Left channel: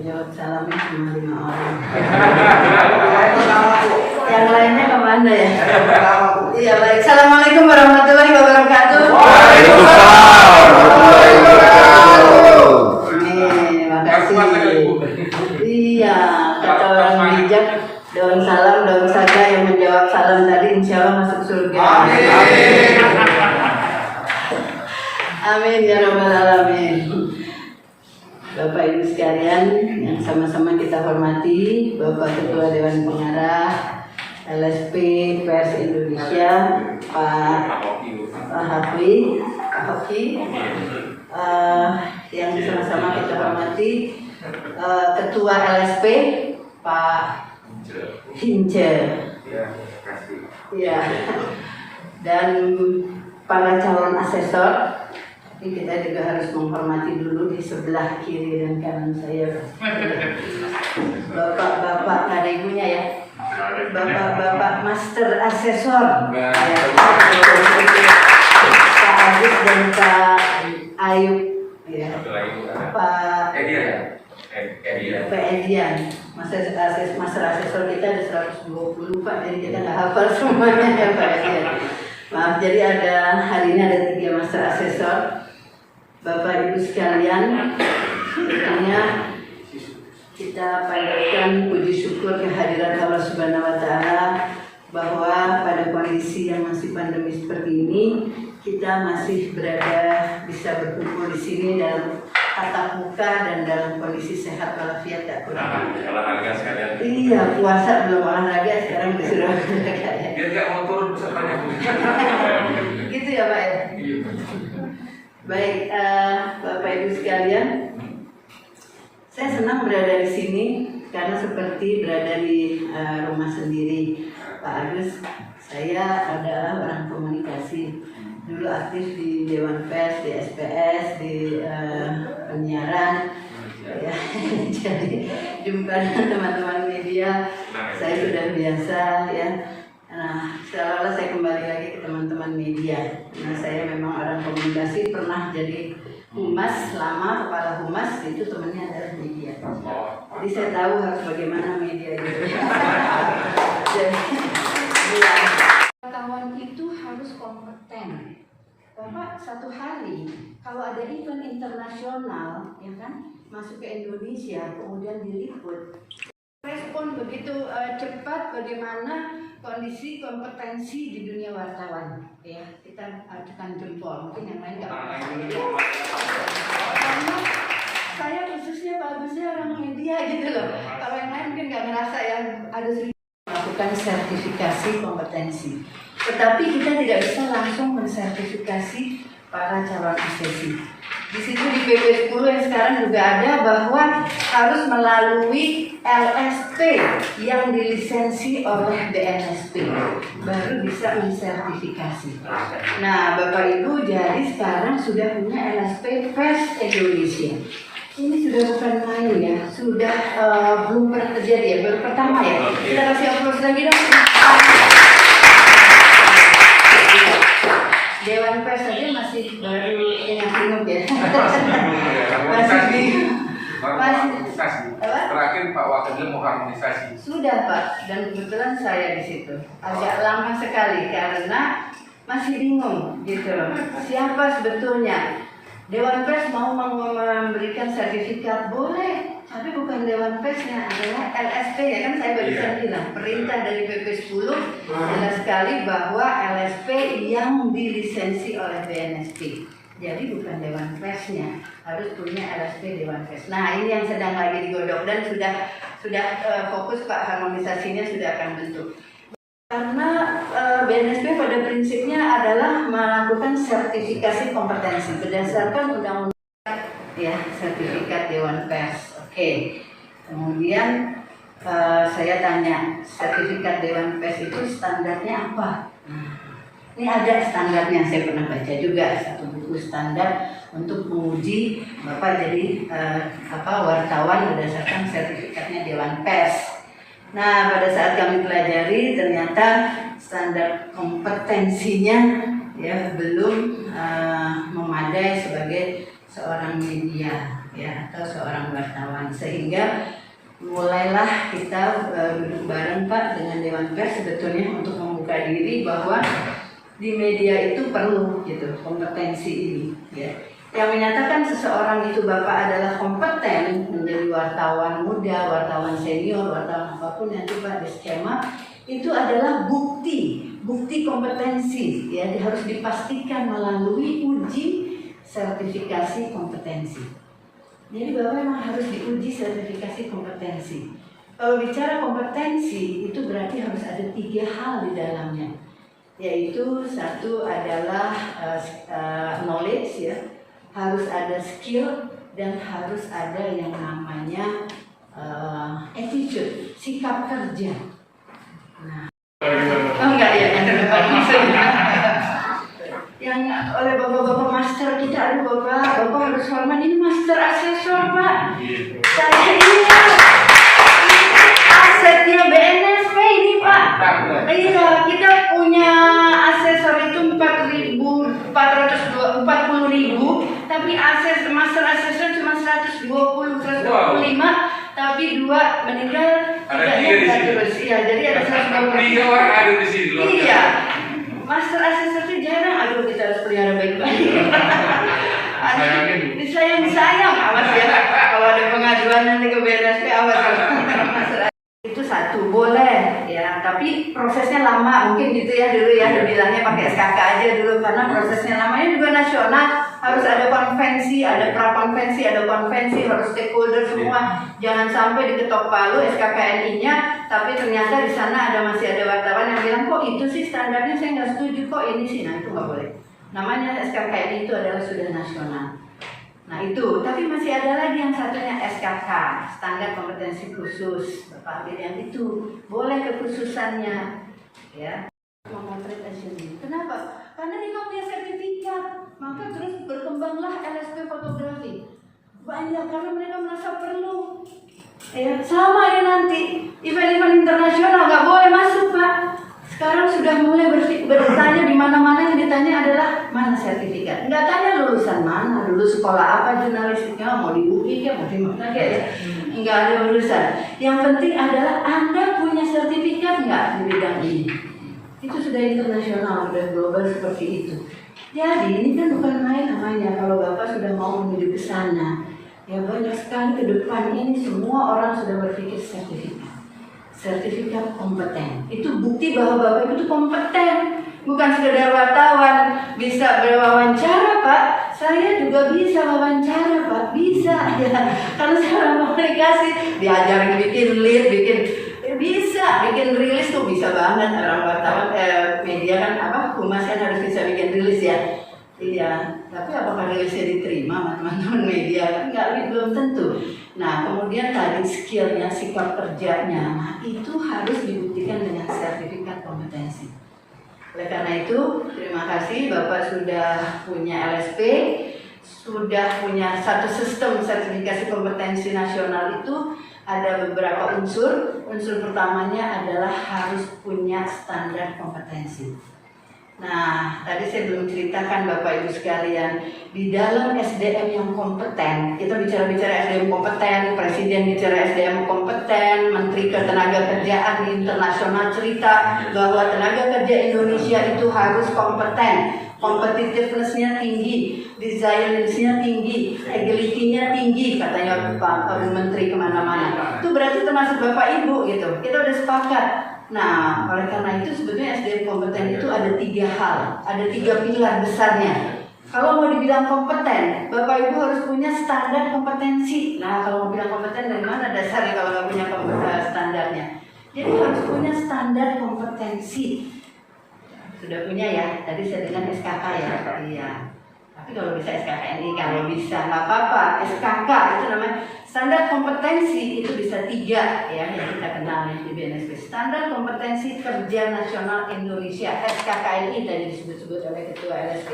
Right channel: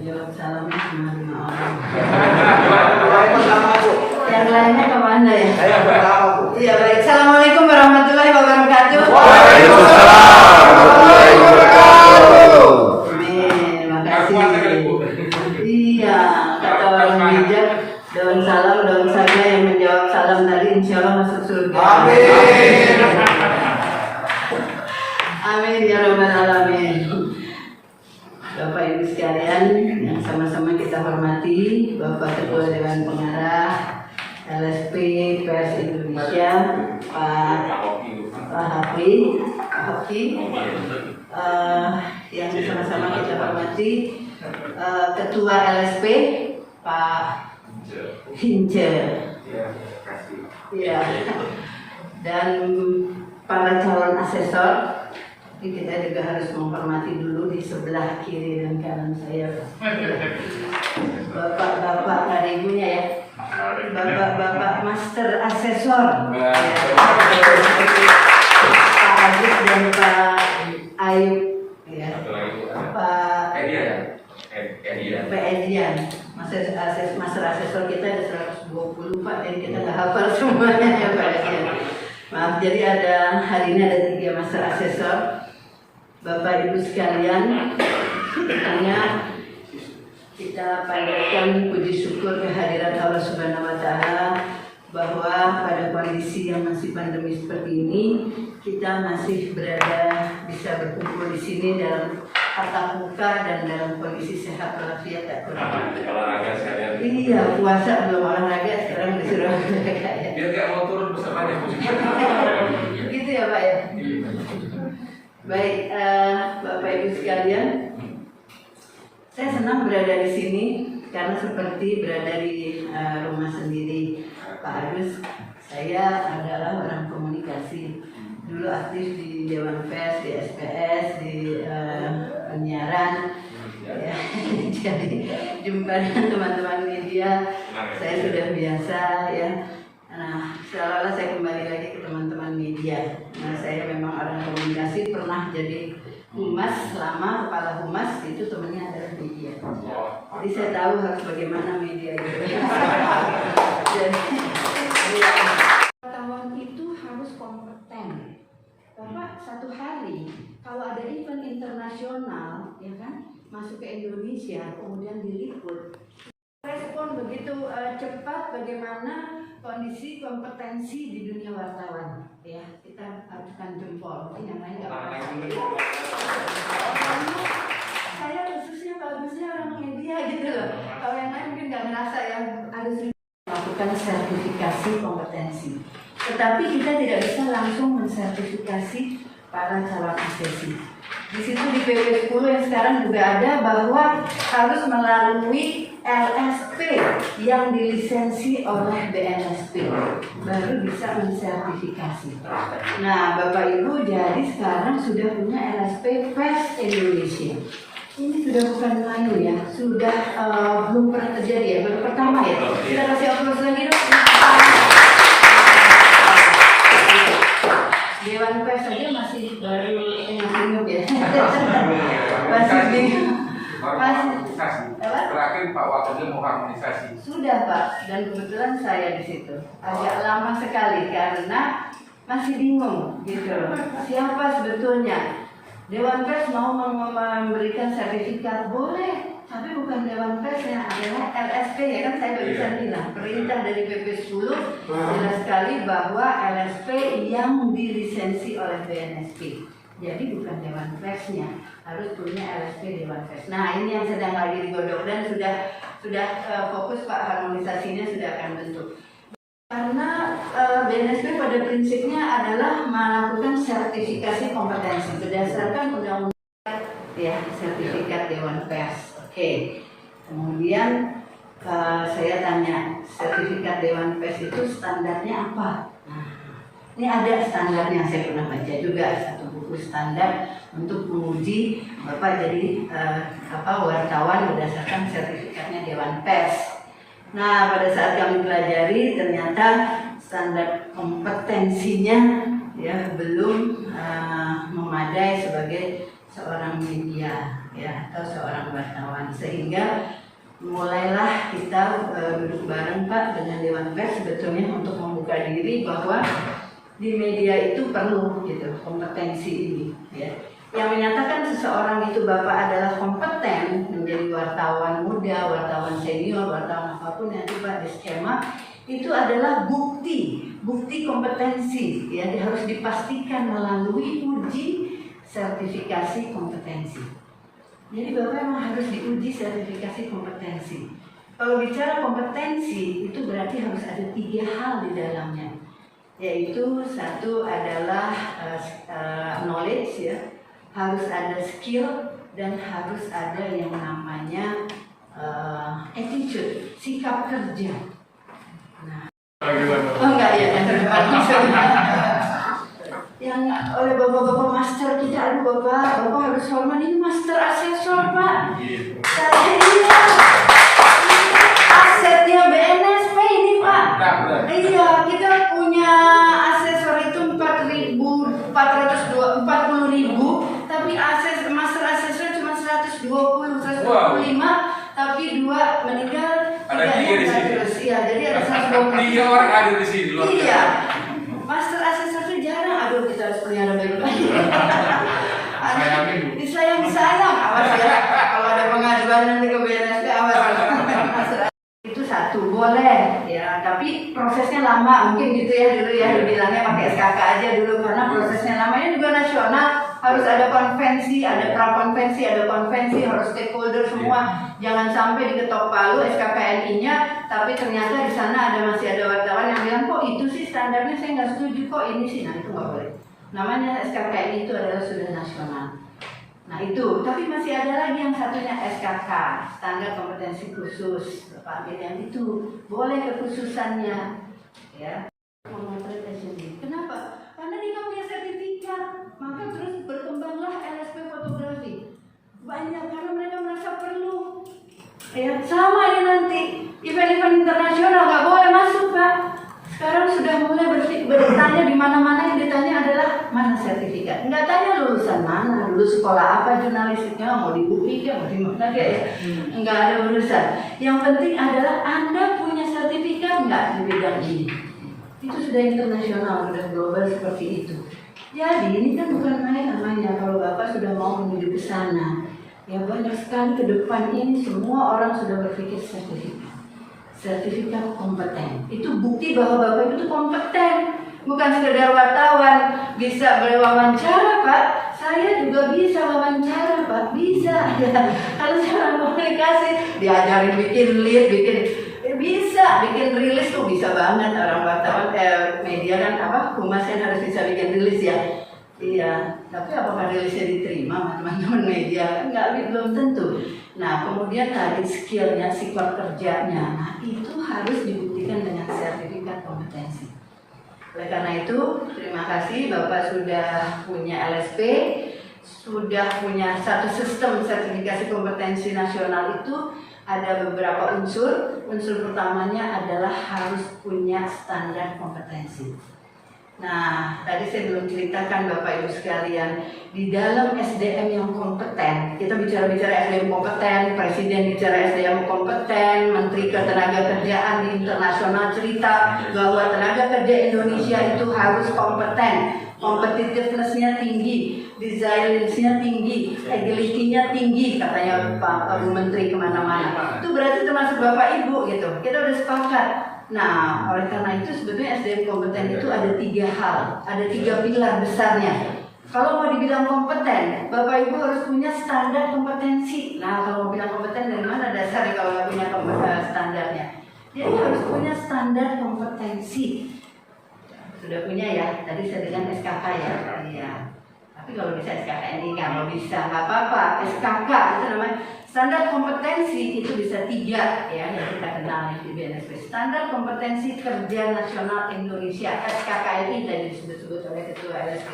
jawab salamnya cuma 5 orang. Yang lainnya kemana ya? Iya baik. Assalamualaikum warahmatullahi wabarakatuh. Waalaikumsalam warahmatullahi wabarakatuh. Makasih. Iya, kata orang bijak, daun salam, daun saja yang menjawab salam tadi insya Allah masuk surga. Amin. Amin ya rabbal alamin. Bapak Ibu sekalian yang sama-sama kita hormati, Bapak Ketua Dewan Pengarah LSP Pers Indonesia, Pak Hoki, yang sama-sama kita hormati, Ketua LSP Pak Hince, ya, dan para calon asesor. Kita juga harus menghormati dulu di sebelah kiri dan kanan saya. Bapak-bapak, ada ibunya ya. Bapak-bapak master asesor. Ya, Pak Adit dan Pak Ayub. Ya. Pak Edian. Master asesor kita ada 120 Pak, jadi kita nggak hafal semuanya ya Pak Edian. Maaf, jadi hari ini ada 3 master asesor. Bapak Ibu sekalian, tentunya kita panjatkan puji syukur kehadiran Allah Subhanahu wa Ta'ala bahwa pada kondisi yang masih pandemi seperti ini kita masih bisa berkumpul di sini dalam tatap muka dan dalam kondisi sehat walafiat tak kurang. Olahraga sekalian. Iya, puasa belum olahraga sekarang disuruh olahraga ya. Dia nggak mau turun bisa banyak. Gitu ya Pak ya. Baik, Bapak Ibu sekalian, saya senang berada di sini karena seperti berada di rumah sendiri. Pak Agus, saya adalah orang komunikasi. Dulu aktif di Dewan Pers, di SPS, di penyiaran. Ya. Jadi jumpa dengan teman-teman media, saya sudah biasa ya. Nah, seolah-olah saya kembali lagi ke teman-teman media. Nah, saya memang orang komunikasi, pernah jadi humas lama, kepala humas itu temannya adalah media. Jadi saya tahu harus bagaimana media itu. Jadi, ya, wartawan itu harus kompeten. Bapak satu hari kalau ada event internasional, ya kan, masuk ke Indonesia, kemudian diliput. Respon begitu cepat bagaimana kondisi kompetensi di dunia wartawan, ya kita ajukan jempol, mungkin yang lain nggak karena saya khususnya bagusnya orang media gitu loh, kalau yang lain mungkin nggak merasa ya harus melakukan sertifikasi kompetensi, tetapi kita tidak bisa langsung mensertifikasi para calon asesi. Di situ di PP 10 yang sekarang juga ada bahwa harus melalui LSP yang dilisensi oleh BNSP baru bisa mensertifikasi. Nah, Bapak Ibu jadi sekarang sudah punya LSP Pers Indonesia. Ini sudah bukan main ya, sudah belum pernah terjadi ya, baru pertama ya. Kita kasih aplaus lagi dong. Dewan Pers saja masih baru ingat ya. Masih bingung. Terakhir Pak Wakilnya mau harmonisasi. Sudah Pak, dan kebetulan saya di situ. Agak lama sekali karena masih bingung gitu. Siapa sebetulnya? Dewan Pers mau memberikan sertifikat boleh, tapi bukan Dewan Persnya, adalah LSP ya kan saya barusan bilang. Perintah dari PP 10 jelas sekali bahwa LSP yang dilisensi oleh BNSP. Jadi bukan Dewan Persnya, harus punya LSP Dewan Pers. Nah ini yang sedang lagi digodok dan sudah fokus Pak, harmonisasinya sudah akan bentuk. Karena BNSP pada prinsipnya adalah melakukan sertifikasi kompetensi berdasarkan undang-undang ya, sertifikat Dewan Pers. Oke. Kemudian saya tanya, sertifikat Dewan Pers itu standarnya apa? Ini ada standarnya, saya pernah baca juga satu buku standar untuk menguji Bapak jadi wartawan berdasarkan sertifikatnya Dewan Pers. Nah, pada saat kami pelajari ternyata standar kompetensinya ya belum memadai sebagai seorang media ya atau seorang wartawan. sehingga mulailah kita duduk bareng Pak dengan Dewan Pers sebetulnya untuk membuka diri bahwa di media itu perlu gitu kompetensi ini ya. Yang menyatakan seseorang itu Bapak adalah kompeten menjadi wartawan muda, wartawan senior, wartawan apapun nanti Pak di skema itu adalah bukti kompetensi ya, harus dipastikan melalui uji sertifikasi kompetensi. Jadi Bapak memang harus diuji sertifikasi kompetensi. Kalau bicara kompetensi itu berarti harus ada 3 hal di dalamnya, yaitu satu adalah knowledge ya, harus ada skill dan harus ada yang namanya attitude, sikap kerja. Nah, oh enggak ya, yang oleh bapak-bapak master kita, aduh bapak harus hormat, ini master asesor Pak. Saya iya, asetnya BNSP ini Pak. Iya, kita punya asesor itu 40.000, tapi master asesor cuma 125, tapi 2 meninggal. Ada 3 di sini. Iya, jadi ada 120. 3 orang ada di sini. Iya. Master asesor itu jarang, aduh kita harus pelihara baik-baik. Disayang, awas ya. Kalau ada pengaduan nanti ke BNSP, awas. Itu satu, boleh ya, tapi prosesnya lama mungkin gitu ya dulu ya, dibilangnya pakai SKK aja dulu karena prosesnya lamanya juga nasional, harus ada konvensi, ada prakonvensi, ada konvensi, harus stakeholder semua. Jangan sampai diketok palu SKKNI-nya, tapi ternyata di sana masih ada wartawan yang bilang kok itu sih standarnya saya nggak setuju kok ini sih, nah itu nggak boleh. Namanya SKKNI itu adalah sudah nasional. Nah itu, tapi masih ada lagi yang satunya SKK, standar kompetensi khusus. Bapak ambil yang itu, boleh kekhususannya, ya. Memotret sendiri. Kenapa? Karena dia nggak punya sertifikat, maka terus berkembanglah LSP fotografi. Banyak karena mereka merasa perlu. Ya, sama ya nanti event-event internasional nggak boleh masuk Pak. Sekarang sudah mulai bertanya di mana-mana yang ditanya adalah mana sertifikat. Nggak tanya lulusan mana, dulu sekolah apa jurnalistiknya, mau di UI ya, mau di mana kayak. Nggak ada urusan. Yang penting adalah Anda punya sertifikat nggak di bidang ini. Itu sudah internasional, sudah global seperti itu. Jadi ini kan bukan main namanya. Kalau Bapak sudah mau menuju ke sana, ya banyak sekali ke depan ini semua orang sudah berpikir sertifikat kompeten. Itu bukti bahwa Bapak itu kompeten, bukan sekedar wartawan. Bisa berwawancara Pak, saya juga bisa wawancara Pak, bisa ya. Karena saya orang komunikasi, diajarin bikin lead, bisa bikin rilis tuh bisa banget. Orang wartawan media kan humas kan harus bisa bikin rilis ya. Iya, tapi apakah rilisnya diterima teman-teman media? Enggak, belum tentu. Nah, kemudian tadi skillnya, sikap kerjanya, nah itu harus dibuktikan dengan sertifikat kompetensi. Oleh karena itu, terima kasih Bapak sudah punya LSP, sudah punya satu sistem sertifikasi kompetensi nasional itu ada beberapa unsur. Unsur pertamanya adalah harus punya standar kompetensi. Nah, tadi saya belum ceritakan Bapak Ibu sekalian, di dalam SDM yang kompeten, kita bicara SDM kompeten, Presiden bicara SDM kompeten, Menteri Ketenagakerjaan di internasional cerita bahwa tenaga kerja Indonesia itu harus kompeten, competitiveness-nya tinggi, resilience-nya tinggi, agility-nya tinggi, katanya Pak Menteri kemana-mana. Itu berarti termasuk Bapak Ibu gitu, kita udah sepakat. Nah, oleh karena itu sebetulnya SDM kompeten itu ada 3 hal, ada 3 pilar besarnya. Kalau mau dibilang kompeten, Bapak Ibu harus punya standar kompetensi. Nah, kalau mau bilang kompeten dari mana dasarnya kalau nggak punya standarnya? Jadi harus punya standar kompetensi. Sudah punya ya, tadi saya dengan SKK ya, iya. Tapi kalau bisa SKKNI, kalau bisa nggak apa-apa. SKK itu namanya standar kompetensi, itu bisa 3 ya yang kita kenal di BNSP. Standar kompetensi kerja nasional Indonesia (SKKNI) tadi disebut-sebut oleh Ketua LSP.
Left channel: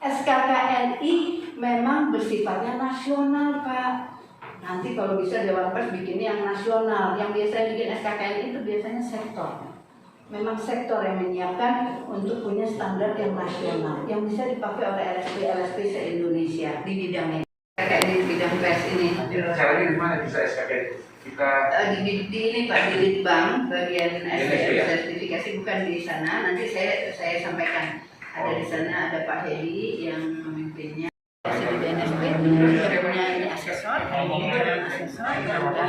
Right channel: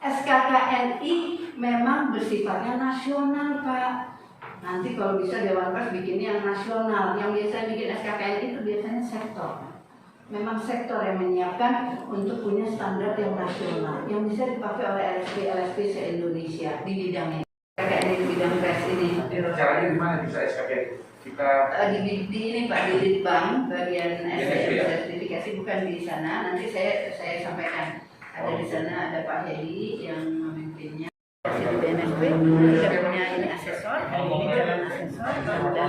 SKKNI memang bersifatnya nasional Pak. Nanti kalau bisa Dewan Pers bikin yang nasional. Yang biasanya bikin SKKNI itu biasanya sektor. Memang sektor yang menyiapkan untuk punya standar yang nasional yang bisa dipakai oleh LSP se-Indonesia di bidang ini. SKKN di bidang pers ini. Caranya gimana bisa SKKN? Kita Di ini Pak, di Litbang bagian SDM ya? sertifikasi, bukan di sana. Nanti saya sampaikan. Ada di sana, ada Pak Hedi yang memimpinnya. Di BNSP kita punya ini asesor, ini calon asesor, kemudian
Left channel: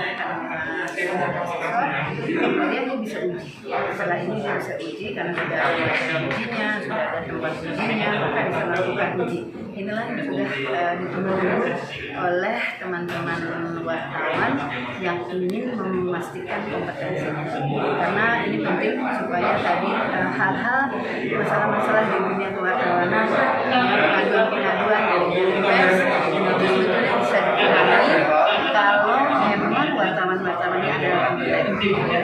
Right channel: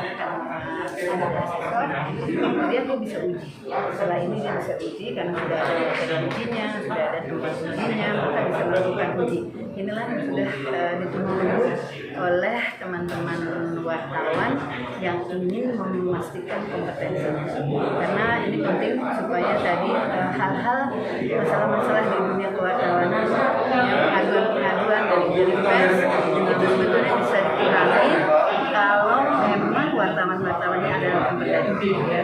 asesor, kemudian dia bisa uji. Setelah ini dia bisa uji karena sudah ada materi ujinya, sudah ada tempat ujinya, maka bisa melakukan uji. Inilah yang sudah ditunggu-tunggu oleh teman-teman wartawan yang ingin memastikan kompetensi. Karena ini penting supaya tadi hal-hal masalah-masalah di dunia kewartawanan, pengaduan-pengaduan dari pers itu sebetulnya bisa dikurangi kalau memang wartawan-wartawannya adalah kompeten. Ya.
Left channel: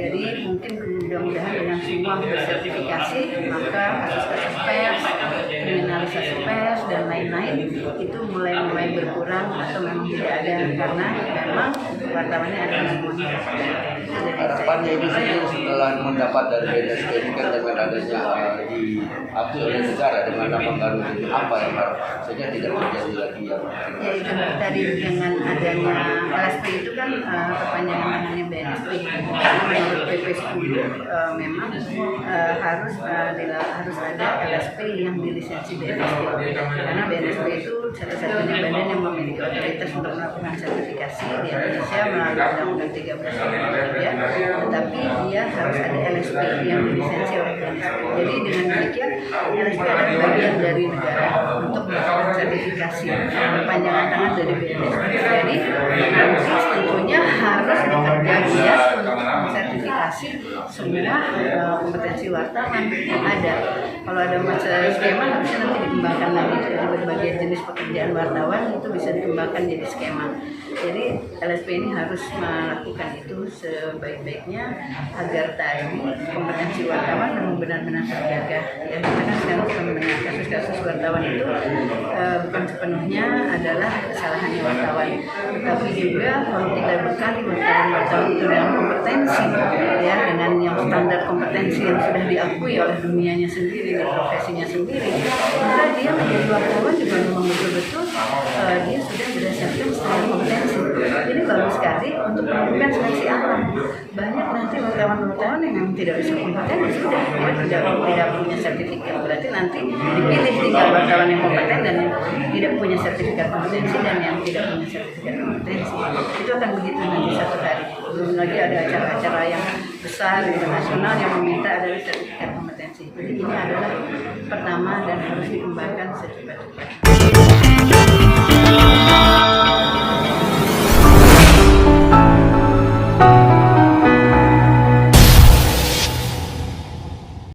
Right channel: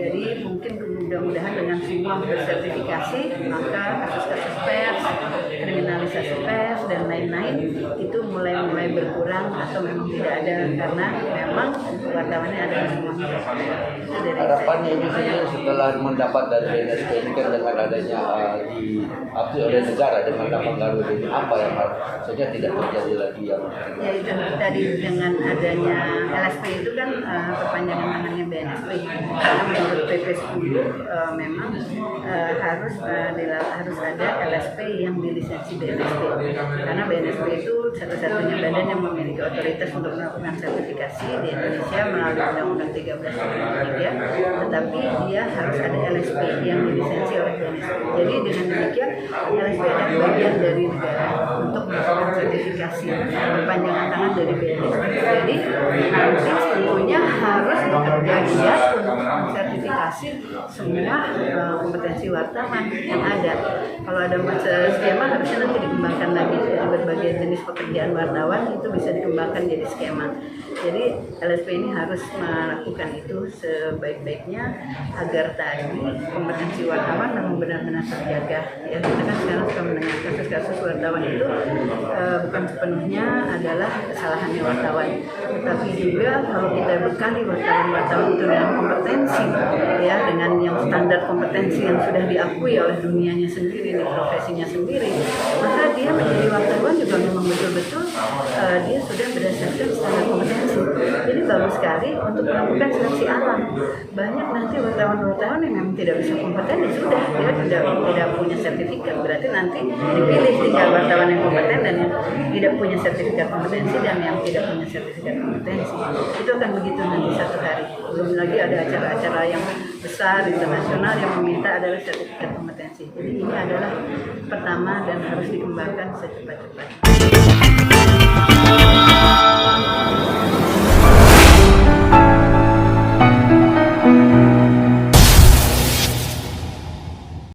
Jadi mungkin mudah-mudahan dengan semua bersertifikasi, maka kasus-kasus pers, kriminalisasi pers dan lain-lain itu mulai berkurang atau memang tidak ada, karena memang wartawannya adalah semuanya kompeten. Harapannya ini setelah mendapat dari BNSP ini kan dengan adanya diakui oleh negara dengan pengaruh ini apa yang harus sehingga tidak terjadi lagi yang ya itu tadi dengan adanya LSP itu kan kepanjangan tangannya BNSP. Menurut PP 10 memang harus ada LSP yang dilisensi BNSP, karena BNSP itu satu-satunya badan yang memiliki otoritas untuk melakukan sertifikasi di Indonesia melalui Undang-Undang 13 ya. Tetapi dia harus ada LSP yang dilisensi oleh BNSP. Jadi dengan demikian LSP adalah bagian dari negara untuk melakukan sertifikasi, perpanjangan tangan dari BNSP. Jadi nanti tentunya harus bekerja giat untuk mensertifikasi semua kompetensi wartawan yang ada. Kalau ada skema harusnya nanti dikembangkan lagi dari berbagai jenis pekerjaan wartawan, itu bisa dikembangkan jadi skema. Jadi LSP ini harus melakukan itu sebaik-baiknya agar tadi kompetensi wartawan memang benar-benar terjaga. Ya, kita kan sekarang sudah mendengar kasus-kasus wartawan itu bukan sepenuhnya adalah kesalahannya wartawan, tetapi juga kalau kita bekali wartawan itu dengan kompetensi, ya, dengan yang standar kompetensi yang sudah diakui oleh dunianya sendiri, profesinya sendiri, maka dia menjadi wartawan juga memang betul-betul dia sudah berdasarkan standar kompetensi. Ini bagus sekali untuk melakukan seleksi alam. Banyak nanti wartawan-wartawan yang memang tidak bisa kompeten, sudah dia tidak punya sertifikat, berarti nanti dipilih tinggal wartawan yang kompeten dan yang tidak punya sertifikat kompetensi dan yang tidak punya sertifikat kompetensi. Itu akan begitu nanti satu hari. Belum lagi ada acara-acara yang besar internasional yang meminta adalah sertifikat kompetensi. Jadi ini adalah pertama dan harus dikembangkan secepat-cepatnya.